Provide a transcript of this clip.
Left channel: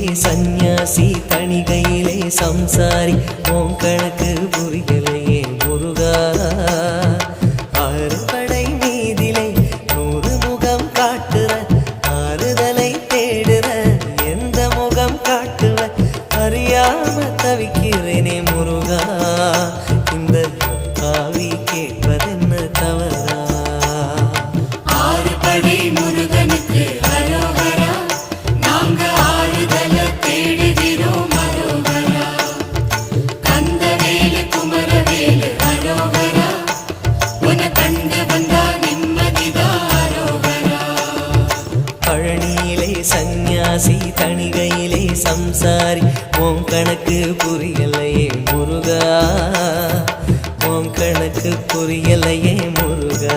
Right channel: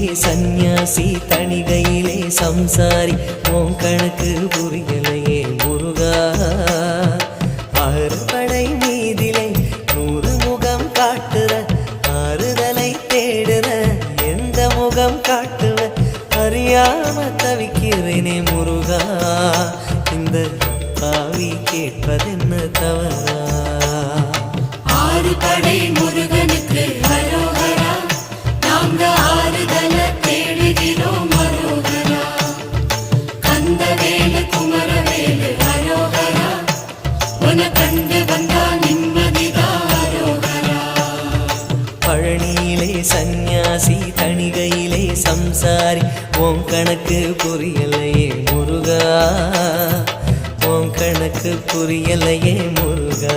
பழனியிலே சந்நியாசி தணிகையிலே சம்சாரி உன் கணக்கு புரியலையே முருகா ஆறுபடை மீதிலே 100 முகம் காட்டுற ஆறுதலை தேடுற எந்த முகம் காட்டுவ அறியாம தவிக்கிறேனே முருகா இந்த பாவி கேட்பதென்ன தவறா ஆறுபடை முருகனுக்கு அரோகரா நாங்க ஆறுதல தேடுகிறோம் அரோகரா கந்தவேலு குமரவேலு அரோகரா உன கண்டு வந்தா நிம்மதிதான் அரோகரா பழனியிலே சந்நியாசி தணிகையிலே சம்சாரி உன் கணக்கு புரியலையே முருகா உன் கணக்கு புரியலையே முருகா